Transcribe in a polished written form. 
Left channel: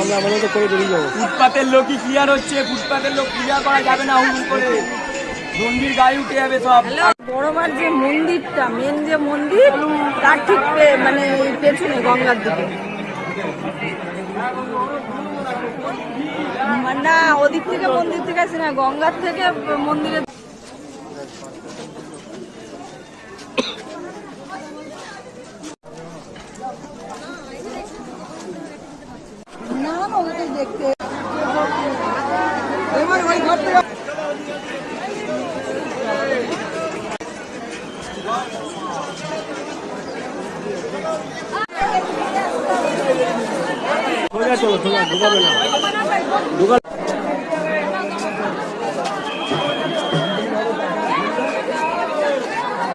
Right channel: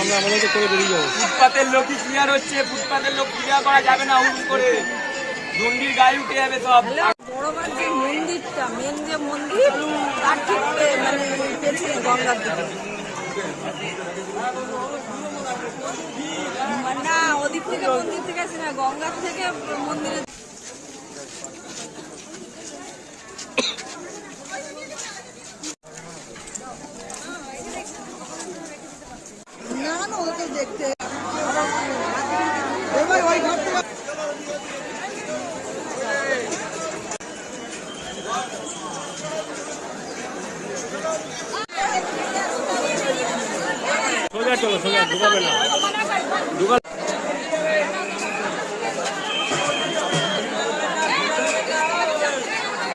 আমরা আমাদের তো করে বেরিয়ে যাবো। ফুটপাতের লোকই ক্লিয়ার হচ্ছে, ফুটপাতের লোক ক্লিয়ার করা যাবে না হুড় করে, মন্দির গায়ে উঠে যাবে সব। বড়বার যে মন্দিরটা, মেন যে মন্দির, তার ঠিক মানে পেছনে গঙ্গার দিকে, না ওদিক থেকে মন্দির থেকে আসে না, গঙ্গার থেকে মন্দিরে। না না ওদেরকে দেখতে সোজা চলো, সোজা ঢুকাবে না।